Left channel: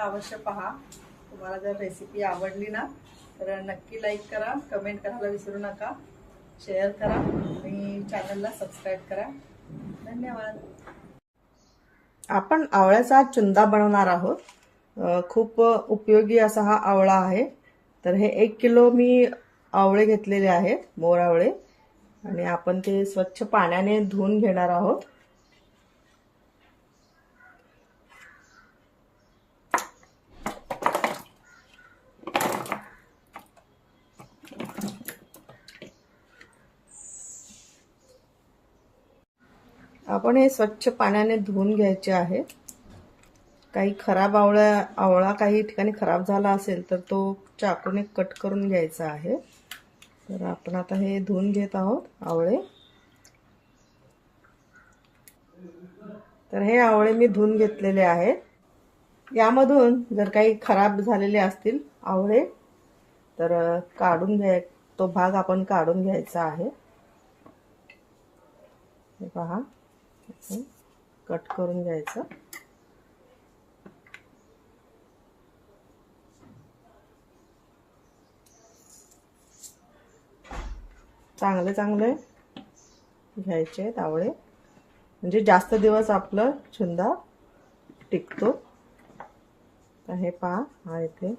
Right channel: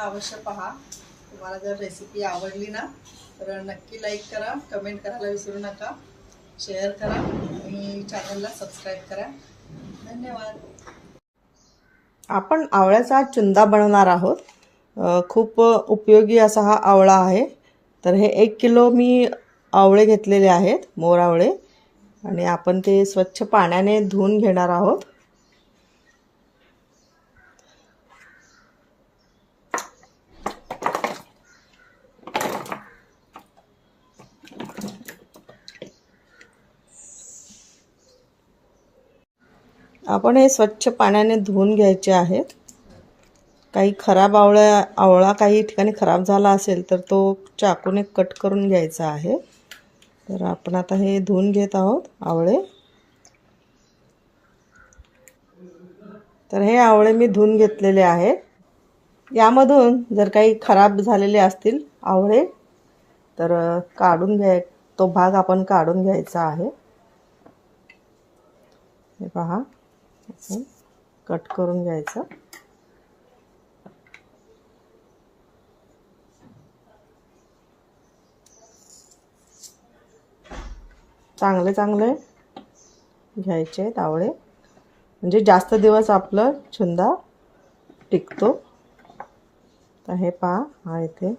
अवश्य पहा. तुम्हाला जर रेसिपी आवडली ना तर नक्की लाईक करा कमेंट करायला विसरू नका. शेअर करा आणि चॅनलला सबस्क्राईब करा. धन्यवाद. आपण आवळ्याचा चुंदा बनवणार आहोत. खूप उपयोगी असा हा आवळा आहे. तर हे एक किलो मी आवळे घेतलेले आहेत मोर आवळे. आणि आपण ते स्वच्छ पाण्याने धुवून घेणार आहोत. आपण हे स्वच्छ पाण्याने धुवून घ्यायचे आहेत. काही खराब आवळा आवळा काही ठिकाणी खराब झाला असेल तर तो चाकूने कट करून घ्यायचा आहे. तर आपण आता हे धुवून घेत आहोत आवळे. तर हे आवळे मी धुवून घेतलेले आहे यामधून जर काही खराब झालेले असतील आवळे तर काढून घ्याय तो भाग आपण काढून घ्यायचा आहे. हे पहा. कट करून घ्यायचं. चांगले चांगले घ्यायचे तावळे म्हणजे जास्त दिवस आपलं छुंदा टिकतो. तर हे पहा हा इथे.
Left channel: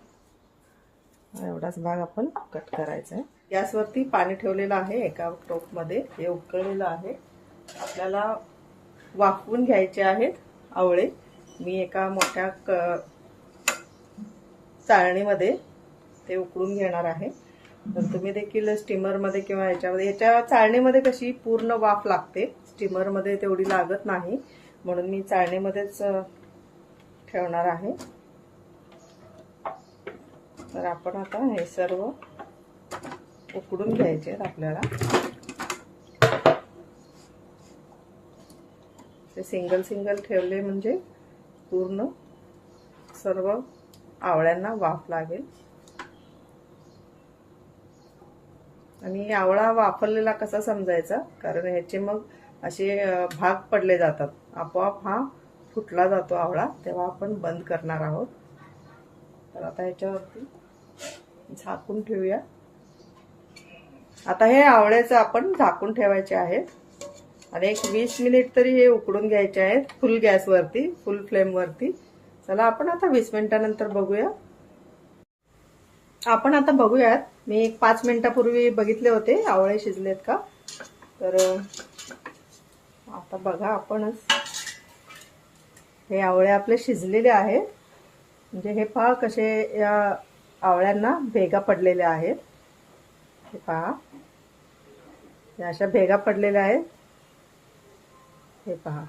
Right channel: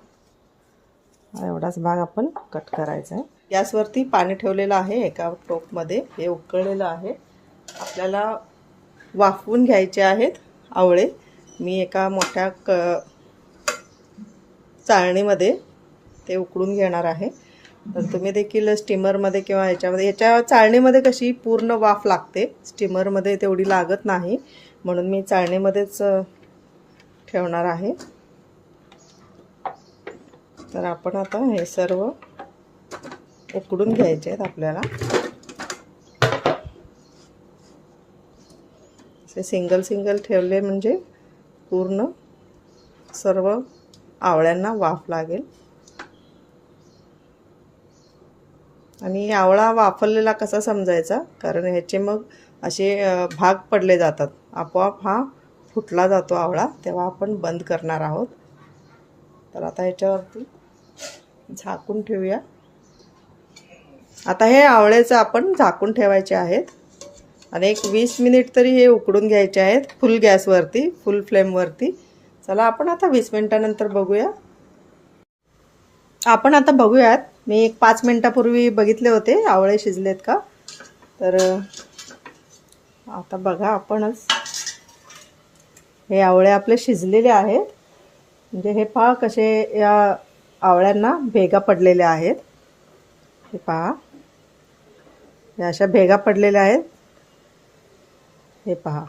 एवढाच भाग आपण कट करायचा आहे. गॅसवरती पाणी ठेवलेलं आहे एका टोपमध्ये. हे उकळलेलं आहे. आपल्याला वाफवून घ्यायचे आहेत आवळे. मी एका मोठ्या क चाळणीमध्ये ते उकळून घेणार आहे. तर तुम्ही देखील स्टीमरमध्ये किंवा याच्यामध्ये याच्या चाळणीमध्ये कशी पूर्ण वाफ लागते स्टीमरमध्ये तेवढी लागत नाही. म्हणून मी चाळणीमध्येच ठेवणार आहे. तर आपण आता हे सर्व उकडून घ्यायचे आहेत आपल्याला. असे सिंगल सिंगल ठेवले म्हणजे पूर्ण सर्व आवळ्यांना वाफ लागेल. आणि आवळा वाफरलेला कसा समजायचा? कारण ह्याचे मग असे भाग पडले जातात. आपोआप हा फुटला जातो आवळा तेव्हा आपण बंद करणार आहोत. तर आता ह्याच्यावरती झाकून ठेवूया. आता हे आवळ्याचं आपण झाकून ठेवायचे आहेत. आणि एक वीस मिनिट तरी हे उकडून घ्यायचे आहेत फुल गॅसवरती फुल फ्लेमवरती चला आपण आता वीस मिनिटानंतर बघूया. आपण आता बघूयात मी एक पाच मिनिटापूर्वी बघितले होते आवळे शिजलेत का? तर आता बघा आपणच. हे आवळे आपले शिजलेले आहेत. म्हणजे हे पहा कसे या आवळ्यांना भेगा पडलेल्या आहेत. हे पहा. या अशा भेगा पडलेल्या आहेत. हे पहा.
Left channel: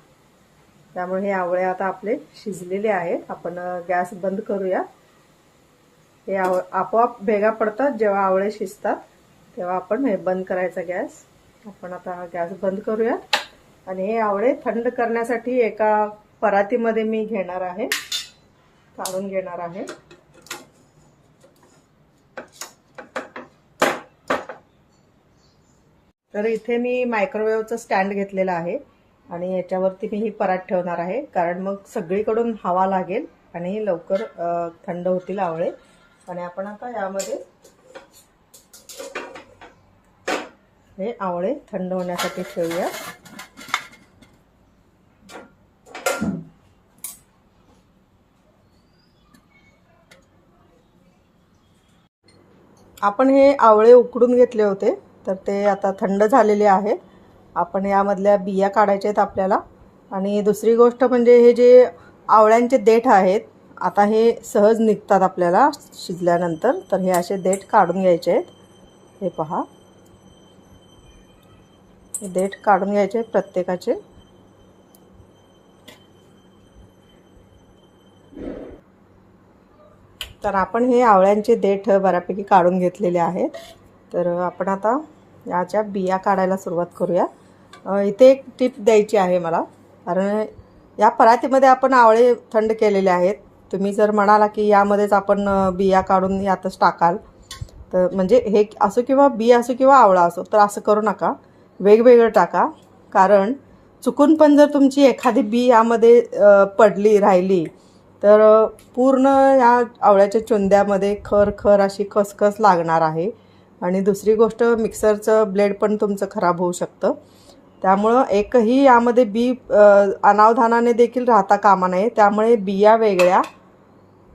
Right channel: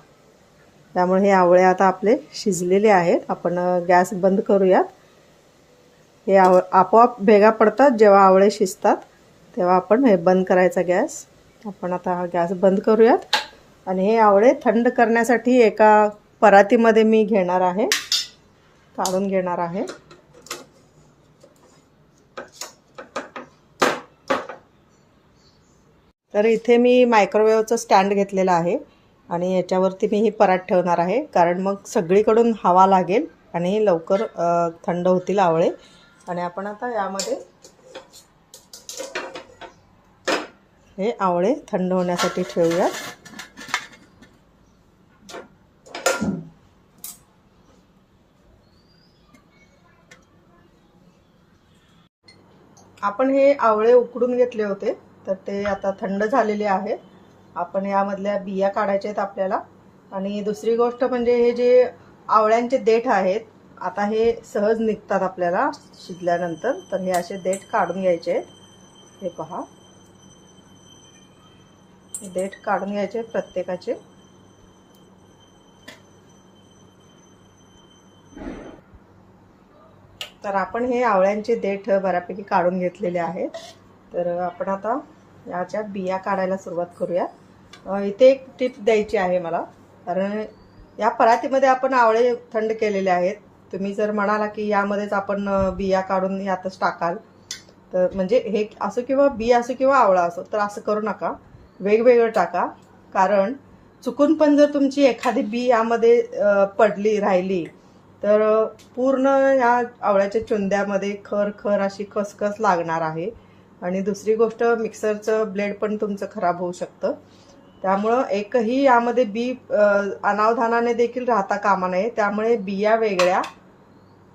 त्यामुळे हे आवळे आता आपले शिजलेले आहेत. आपण गॅस बंद करूयात. हे आव आपोआप भेगा पडतात जेव्हा आवळे शिजतात तेव्हा आपण हे बंद करायचा गॅस. आपण आता हा गॅस बंद करूयात. आणि हे आवळे थंड करण्यासाठी एका परातीमध्ये मी घेणार आहे. काढून घेणार आहे. तर इथे मी मायक्रोवेव्हचं स्टँड घेतलेलं आहे. आणि याच्यावरती मी ही परात ठेवणार आहे. कारण मग सगळीकडून हवा लागेल आणि लवकर थंड होतील आवळे. आणि आपण आता यामध्ये हे आवळे थंड होण्यासाठी ठेवूया. आपण हे आवळे उकडून घेतले होते तर ते आता थंड झालेले आहेत आपण यामधल्या बिया काढायच्या आहेत आपल्याला. आणि दुसरी गोष्ट म्हणजे हे जे आवळ्यांचे देठ आहेत आता हे सहज निघतात आपल्याला शिजल्यानंतर. तर हे असे देठ काढून घ्यायचे आहेत. हे पहा. हे देठ काढून घ्यायचे आहेत प्रत्येकाचे. तर आपण हे आवळ्यांचे देठ बऱ्यापैकी काढून घेतलेले आहेत. तर आपण आता याच्या बिया काढायला सुरुवात करूया. इथे एक टिप द्यायची आहे मला. कारण या परातीमध्ये आपण आवळे थंड केलेले आहेत. तुम्ही जर म्हणाला की यामध्येच आपण बिया काढून यातच टाकाल तर म्हणजे हे असो किंवा बी असो किंवा आवळा असो तर असं करू नका. वेगवेगळं टाका. कारण चुकून पण जर तुमची एखादी बी यामध्ये पडली राहिली तर पूर्ण या आवळ्याच्या चुंद्यामध्ये खर खर अशी खसखस लागणार आहे. आणि दुसरी गोष्ट मिक्सरचं ब्लेड पण तुमचं खराब होऊ शकतं. त्यामुळं एकही यामध्ये बी अनावधानाने देखील राहता कामा नये. त्यामुळे बिया वेगळ्या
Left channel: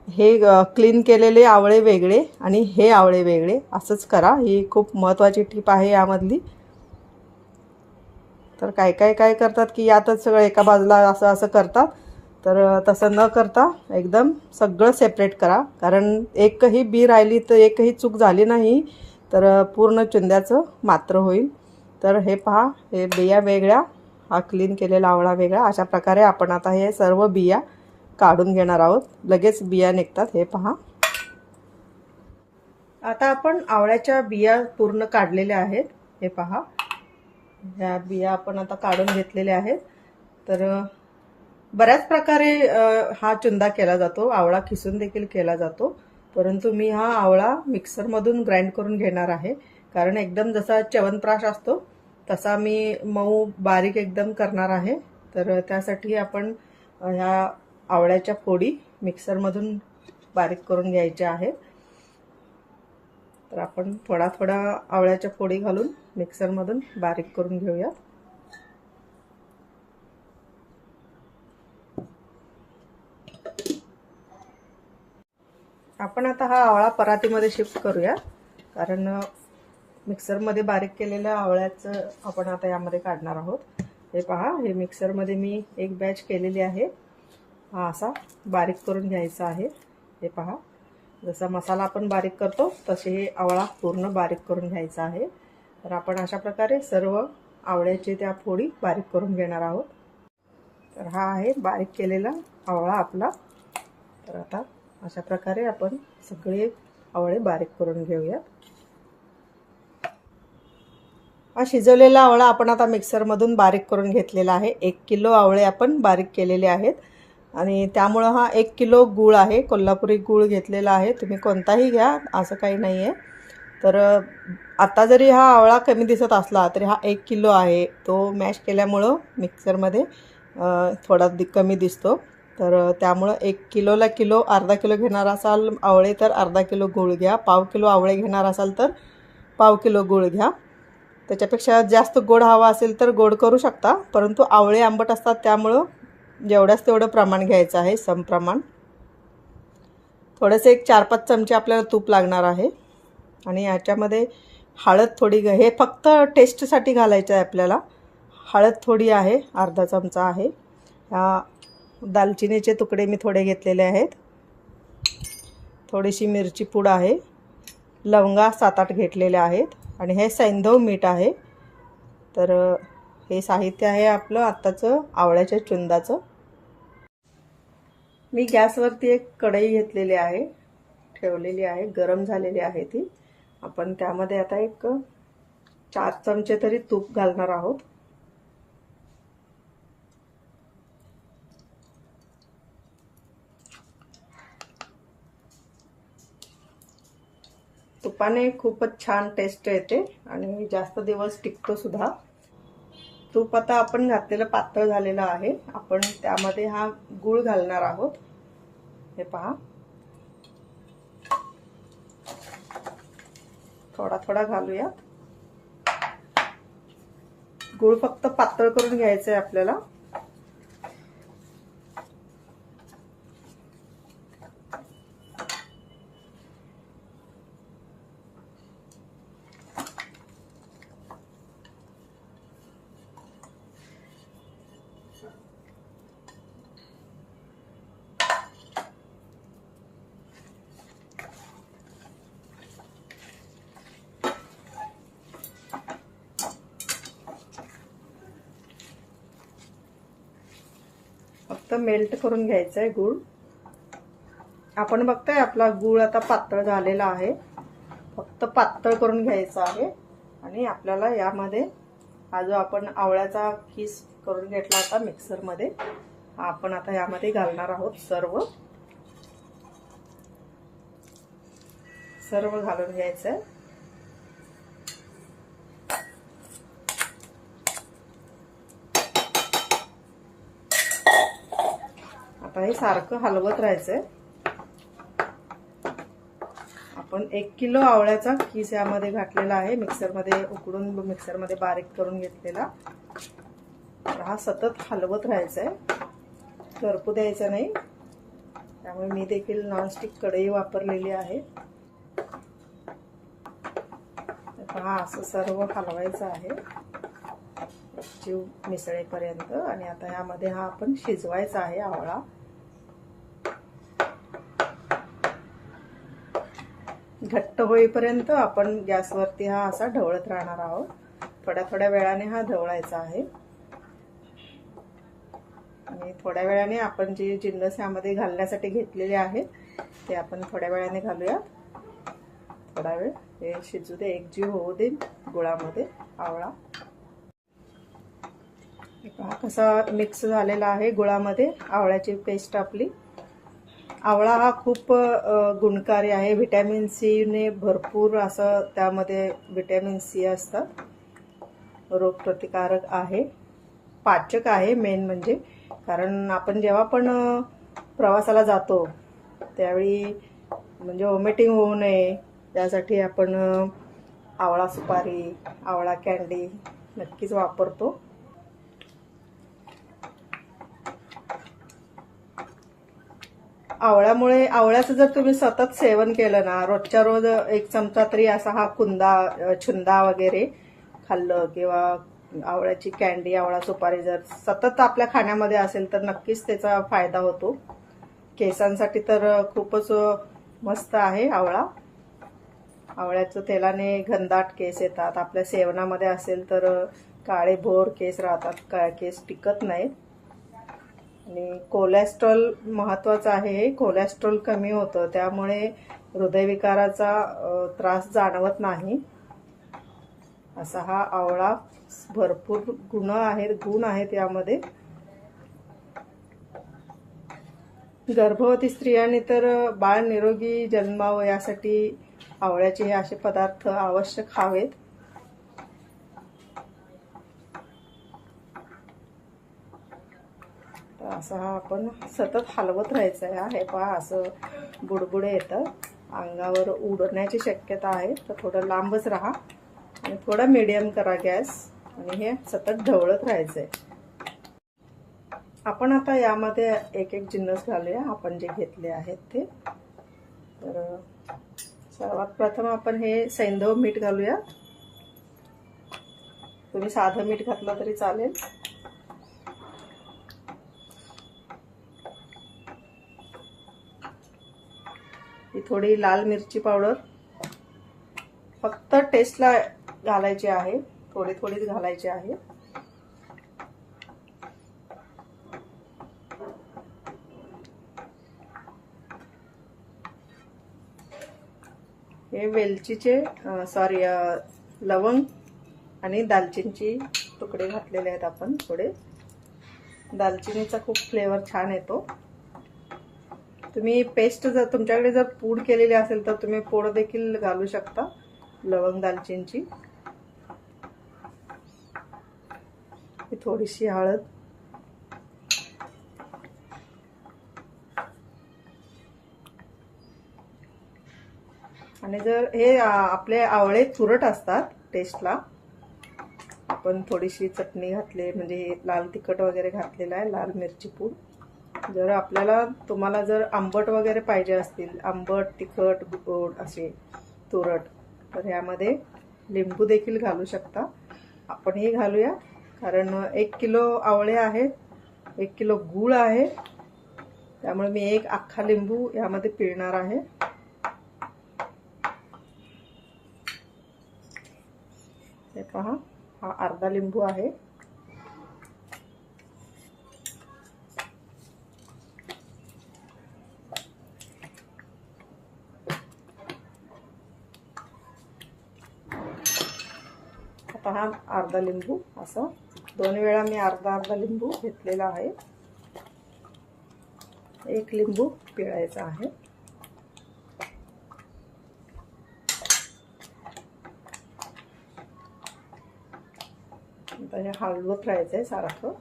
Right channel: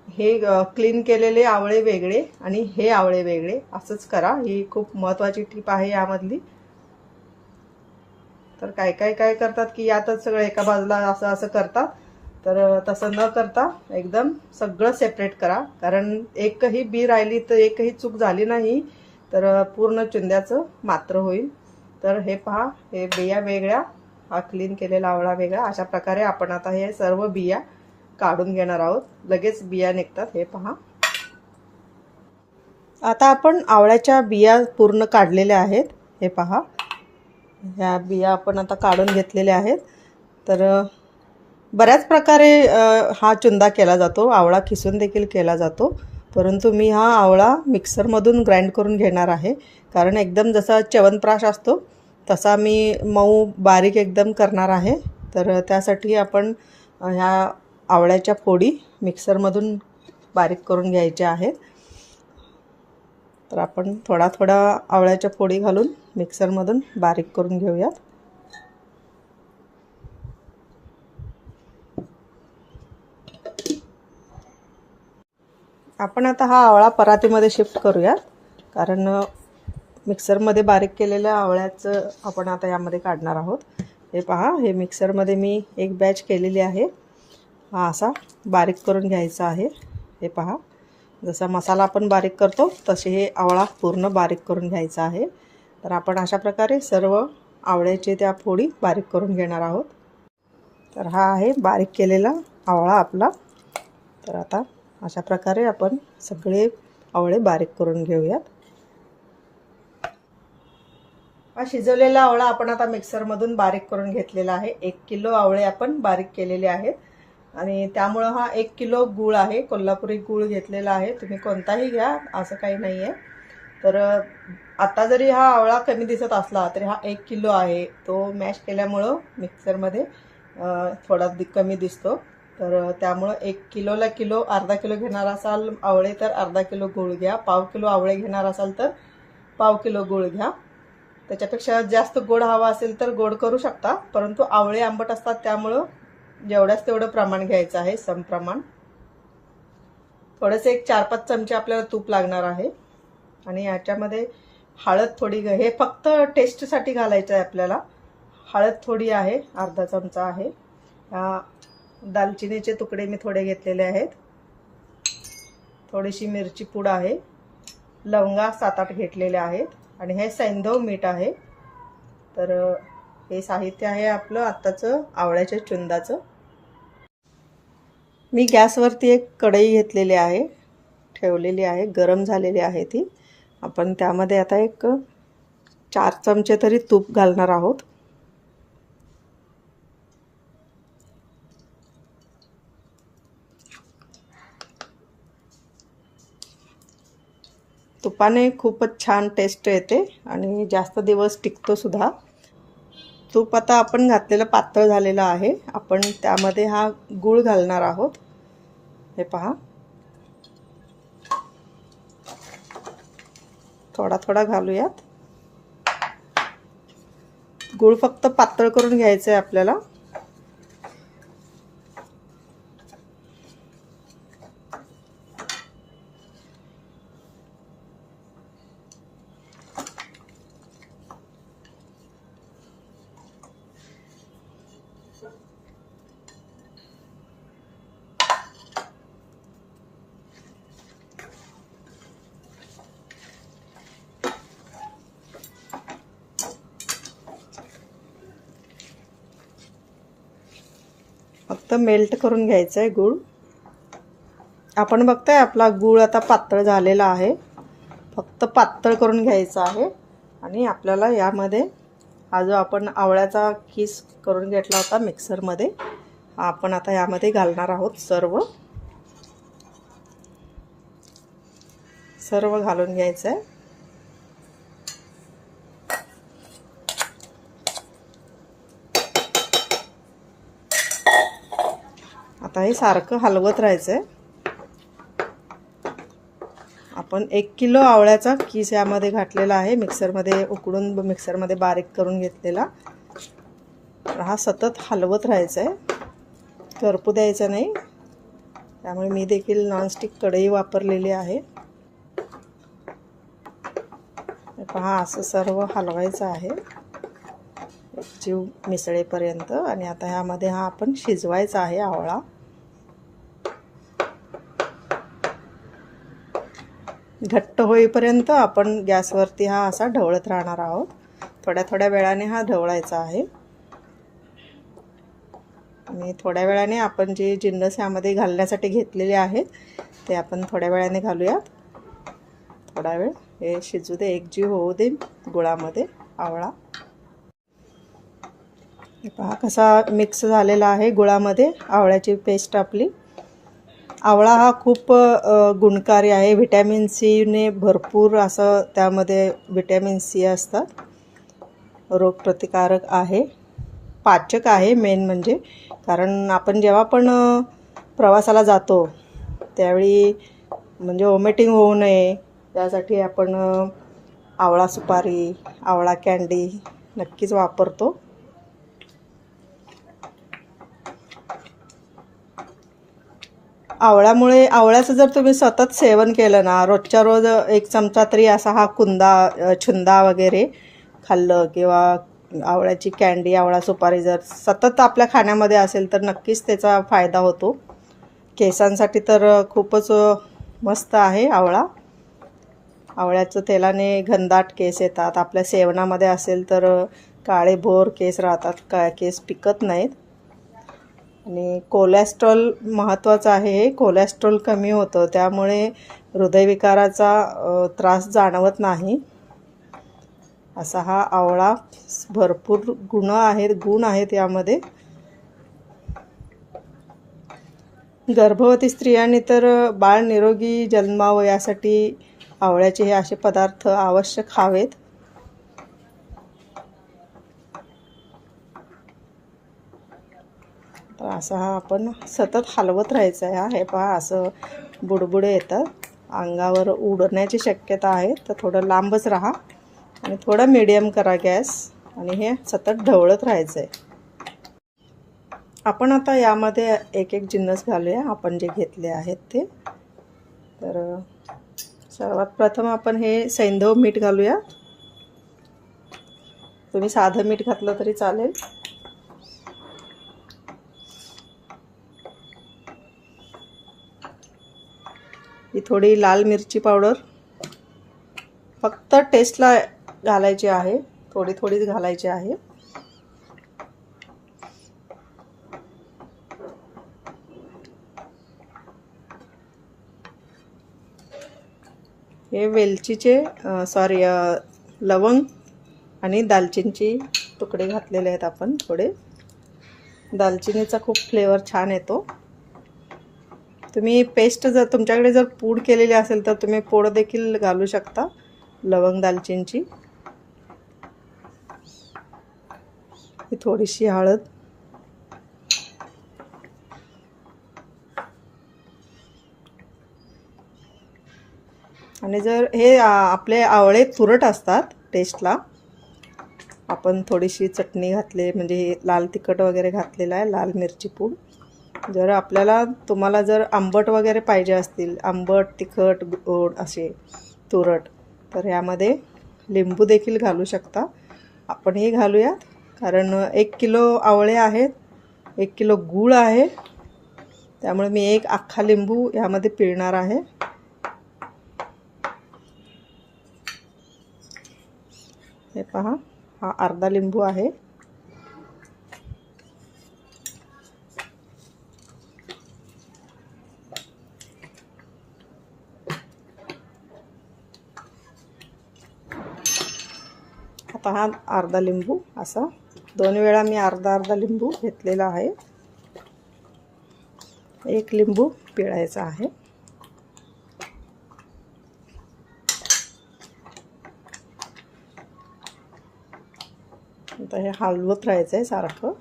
हे क्लीन केलेले आवळे वेगळे आणि हे आवळे वेगळे. असंच करा. ही खूप महत्त्वाची टीप आहे यामधली. तर काय काय काय करतात की यातच सगळं एका बाजूला असं असं करतात. तर तसं न करता एकदम सगळं सेपरेट करा. कारण एकही बी राहिली तर एकही चूक झाली नाही तर पूर्ण चुंद्याचं मात्र होईल. तर हे पहा हे बिया वेगळ्या हा क्लीन केलेला आवळा वेगळा. अशा प्रकारे आपण आता हे सर्व बिया काढून घेणार आहोत. लगेच बिया निघतात हे पहा. आता आपण आवळ्याच्या बिया पूर्ण काढलेल्या आहेत हे पहा. ह्या बिया आपण आता काढून घेतलेल्या आहेत. तर बऱ्याच प्रकारे हा चुंदा केला जातो आवळा खिसून देखील केला जातो. परंतु मी हा आवळा मिक्सरमधून ग्राइंड करून घेणार आहे. कारण एकदम जसा च्यवनप्राश असतो तसा मी मऊ बारीक एकदम करणार आहे. तर त्यासाठी आपण ह्या आवळ्याच्या फोडी मिक्सरमधून बारीक करून घ्यायच्या आहेत. तर आपण थोडा थोडा आवळ्याच्या फोडी घालून मिक्सरमधून बारीक करून घेऊयात. आपण आता हा आवळा परातीमध्ये शिफ्ट करूया कारण मिक्सरमध्ये बारीक केलेल्या आवळ्याचं आपण आता यामध्ये काढणार आहोत. हे पहा हे मिक्सरमध्ये मी एक बॅच केलेली आहे. हा असा बारीक करून घ्यायचा आहे. हे पहा जसा मसाला आपण बारीक करतो तसे हे आवळा पूर्ण बारीक करून घ्यायचा आहे. तर आपण अशा प्रकारे सर्व आवळ्याचे त्या फोडी बारीक करून घेणार आहोत. तर हा आहे बारीक केलेला आवळा आपला. तर आता अशा प्रकारे आपण सगळे आवळे बारीक करून घेऊयात. हा शिजवलेला आवळा आपण आता मिक्सरमधून बारीक करून घेतलेला आहे. एक किलो आवळे आपण बारीक केलेले आहेत. आणि त्यामुळं हा एक किलो गूळ आहे. कोल्हापुरी गूळ घेतलेला आहे. तुम्ही कोणताही घ्या असं काही नाही आहे तर आता जरी हा आवळा कमी दिसत असला तरी हा एक किलो आहे. तो मॅश केल्यामुळं मिक्सरमध्ये थोडा दि कमी दिसतो. तर त्यामुळं एक किलोला किलो अर्धा किलो घेणार असाल आवळे तर अर्धा किलो गूळ घ्या. पाव किलो आवळे घेणार असाल तर पाव किलो गूळ घ्या. त्याच्यापेक्षा जास्त गोड हवा असेल तर गोड करू शकता परंतु आवळे आंबट असतात त्यामुळं जेवढ्याच तेवढं प्रमाण घ्यायचं आहे समप्रमाण. थोडंसं एक चार पाच चमचे आपल्याला तूप लागणार आहे. आणि याच्यामध्ये हळद थोडी घ- हे फक्त टेस्टसाठी घालायचं आहे आपल्याला. हळद थोडी आहे अर्धा चमचा आहे. दालचिनीचे तुकडे मी थोडे घेतलेले आहेत. थोडीशी मिरची पूड आहे. लवंगा सात आठ घेतलेल्या आहेत. आणि हे सैंधव मीठ आहे. तर हे साहित्य आहे आपलं आत्ताचं आवळ्याच्या चुंदाचं. मी गॅसवरती एक कढई घेतलेली आहे ठेवलेली आहे गरम झालेली आहे ती. आपण त्यामध्ये आता एक चार चमचे तरी तूप घालणार आहोत. तुपाने खूपच छान टेस्ट येते आणि जास्त दिवस टिकतो सुद्धा. तूप आता आपण घातलेलं पातळ झालेलं आहे. आपण त्यामध्ये हा गूळ घालणार आहोत. हे पहा. थोडा थोडा घालूयात. गूळ फक्त पातळ करून घ्यायचं आहे आपल्याला. फक्त मेल्ट करून घ्यायचं आहे गूळ. आपण बघताय आपला गूळ आता पातळ झालेला आहे. फक्त पातळ करून घ्यायचं आहे आणि आपल्याला यामध्ये हा जो आपण आवळ्याचा किस करून घेतला होता मिक्सरमध्ये आपण आता यामध्ये घालणार आहोत सर्व. सर्व घालून घ्यायचं आहे आता आता हे सारखं हलवत राहायचं आहे आपण एक किलो आवळ्याचा किस यामध्ये घातलेला आहे. मिक्सरमध्ये उकडून मिक्सरमध्ये बारीक करून घेतलेला. हा सतत हलवत राहायचा आहे करपू द्यायचा नाही. त्यामुळे मी देखील नॉनस्टिक कढई वापरलेली आहे. पहा असं सर्व हलवायचं आहे. जीव मिसळेपर्यंत. आणि आता ह्यामध्ये हा आपण शिजवायचा आहे आवळा. घट्ट होईपर्यंत आपण गॅसवरती हा असा ढवळत राहणार आहोत. थोड्या थोड्या वेळाने हा ढवळायचा आहे. आणि थोड्या वेळाने आपण जे जिन्नस ह्यामध्ये घालण्यासाठी घेतलेले आहेत ते आपण थोड्या वेळाने घालूयात. थोडा वेळ. हे शिजू दे. एकजीव होऊ दे गुळामध्ये. आवळा. पहा कसा मिक्स झालेला आहे गुळामध्ये. आवळ्याची पेस्ट आपली. आवळा हा खूप गुणकारी आहे. व्हिटॅमिन सीने भरपूर असं त्यामध्ये व्हिटॅमिन सी असतात रोगप्रतिकारक आहे. पाचक आहे मेन म्हणजे. कारण आपण जेव्हा पण प्रवासाला जातो त्यावेळी म्हणजे ओमेटिंग होऊ नये. त्यासाठी आपण आवळा सुपारी आवळा कॅन्डी नक्कीच वापरतो. आवळ्यामुळे आवळ्याचं जर तुम्ही सतत सेवन केलं ना रोजच्या रोज एक चमचा तरी असा हा कुंदा छुंदा वगैरे खाल्लं किंवा आवळ्याची कॅन्डी आवळा सुपारी जर सतत आपल्या खाण्यामध्ये असेल तर नक्कीच त्याचा फायदा होतो. केसांसाठी तर खूपच मस्त आहे आवळा. आवळ्याचं तेलाने घनदाट केस येतात. आपल्या सेवनामध्ये असेल तर काळे भोर केस राहतात का केस पिकत नाहीत. आणि कोलेस्ट्रॉल महत्त्वाचं आहे कोलेस्ट्रॉल कमी होतं त्यामुळे हृदयविकाराचा त्रास जाणवत नाही. असा हा आवळा भरपूर गुण आहेत गुण आहेत यामध्ये. गर्भवती स्त्रियांनी तर बाळ निरोगी जन्मावं यासाठी आवळ्याचे हे असे पदार्थ आवश्यक हवेत. तर असं हा आपण सतत हलवत राहायचं आहे. हे पहा असं बुडबुडे येतं. अंगावर उडण्याची शक्यता आहे. तर थोडं लांबच राहा आणि थोडं मीडियम करा गॅस आणि हे सतत ढवळत राहायचं आहे आपण आता यामध्ये एक एक जिन्नस घालूया. आपण जे घेतले आहेत ते. तर सर्वात प्रथम आपण हे सैंधव मीठ घालूया. तुम्ही साधं मीठ घातलं तरी चालेल. ही थोडी लाल मिरची पावडर. फक्त टेस्टला घालायची आहे. थोडी थोडीच घालायची आहे. हे वेलचीचे सॉरी लवंग आणि दालचिनीची तुकडे घातलेले आहेत आपण थोडे. दालचिनीचा खूप फ्लेवर छान येतो. तुम्ही पेस्ट जर तुमच्याकडे जर पूड केलेली असेल तर तुम्ही पोड देखील घालू शकता लवंग दालचिनीची. थोडीशी हळद. आणि जर हे आपले आवळे तुरट असतात टेस्टला आपण थोडीशी चटणी घातली म्हणजे लाल तिखट वगैरे घातलेलं आहे लाल मिरची पूड. जर आपल्याला तुम्हाला जर आंबट वगैरे पाहिजे असतील आंबट तिखट गोड असे तुरट तर ह्यामध्ये लिंबू देखील घालू शकता. आपण हे घालूयात कारण एक किलो आवळे आहेत एक किलो गूळ आहे. त्यामुळे मी एक अख्खा लिंबू यामध्ये पिळणार आहे. हे पहा हा अर्धा लिंबू आहे आता हा अर्धा लिंबू असा. दोन वेळा मी अर्धा अर्धा लिंबू घेतलेला आहे. एक लिंबू पिळायचा आहे. आता हे हलवत राहायचं आहे सारखं.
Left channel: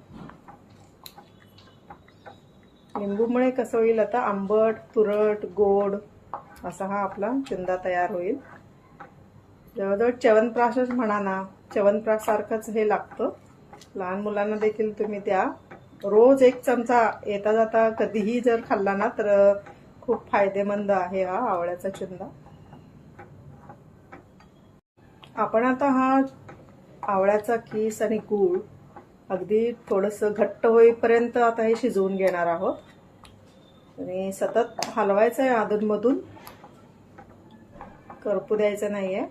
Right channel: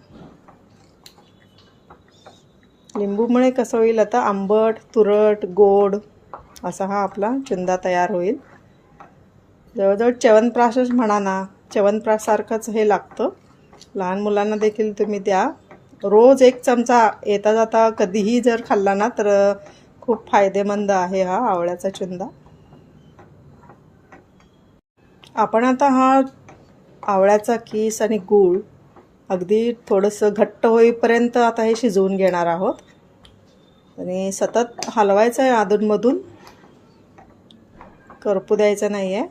लिंबूमुळे कसं होईल आता? आंबट तुरट गोड असा हा आपला चुंदा तयार होईल. जवळजवळ च्यवनप्राशच म्हणा ना. चवनप्रासारखंच हे लागतं. लहान मुलांना देखील तुम्ही द्या. रोज एक चमचा येता जाता कधीही जर खाल्ला ना तर खूप फायदेमंद आहे हा आवळ्याचा चुंदा. आपण आता हा आवळ्याचा किस आणि गूळ अगदी थोडंसं घट्ट होईपर्यंत आता हे शिजवून घेणार आहोत. आणि सतत हलवायचं आहे अधूनमधून. करपू द्यायचं नाही आहे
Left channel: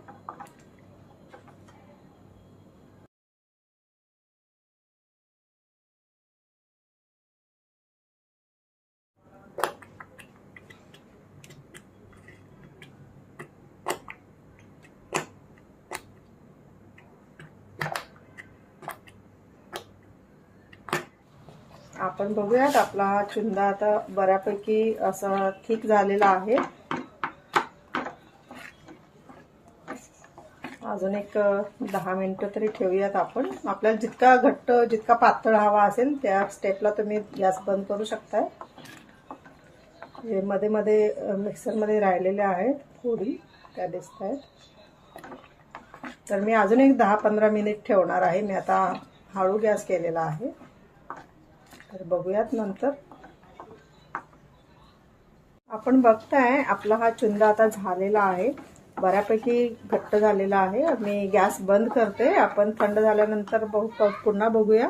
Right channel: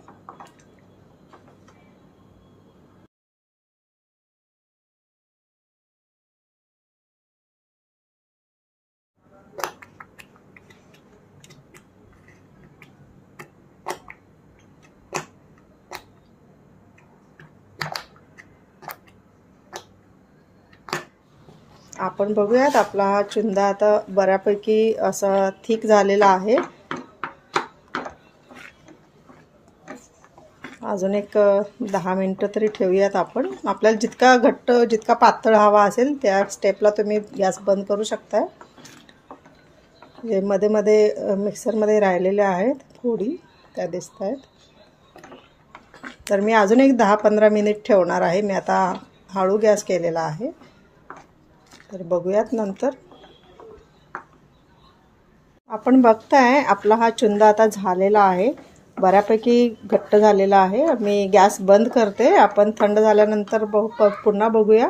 आपण बघूयात. आपला हा चुंदा आता बऱ्यापैकी असा थिक झालेला आहे. अजून एक दहा मिनटं तरी ठेवूयात आपण. आपल्याला जितका घट्ट जितका पातळ हवा असेल त्या स्टेपला तुम्ही गॅस बंद करू शकताय. हे मध्ये मध्ये मिक्सरमध्ये राहिलेले आहेत फोडी त्या दिसत आहेत तर मी अजून एक दहा पंधरा मिनिट ठेवणार आहे. मी आता हळू गॅस केलेला आहे. तर बघूयात नंतर. आपण बघताय आपला हा चुंदा आता झालेला आहे. बऱ्यापैकी घट्ट झालेला आहे. मी गॅस बंद करते. आपण थंड झाल्यानंतर बघू पुन्हा बघूया.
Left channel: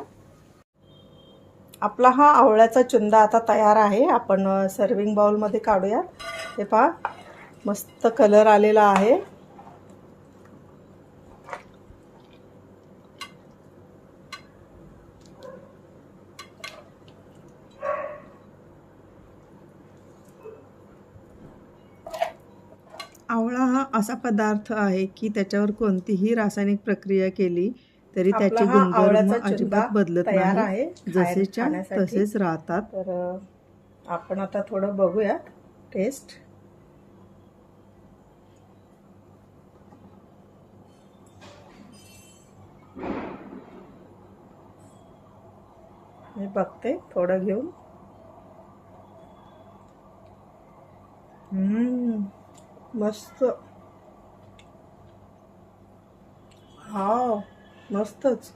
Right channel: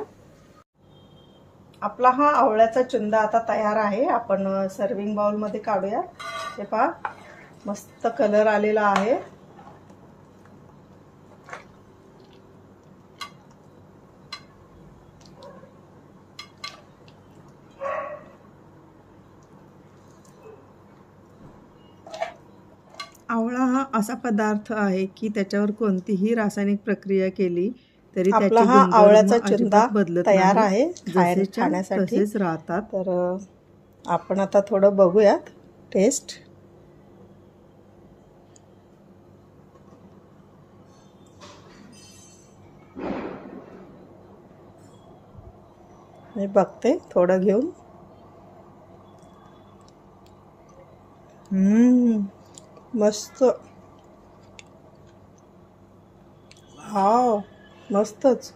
आपला हा आवळ्याचा चुंदा आता तयार आहे. आपण सर्विंग बाउलमध्ये काढूया ते पहा मस्त कलर आलेला आहे. आवळा हा असा पदार्थ आहे की त्याच्यावर कोणतीही रासायनिक प्रक्रिया केली तरी त्याचे गुणधर्म अजिबात बदलत नाही. आहे जसेच्या तसेच राहतात. तर आपण आता थोडं बघूयात टेस्ट मी बघते थोडं घेऊन. मस्त. हा मस्तच.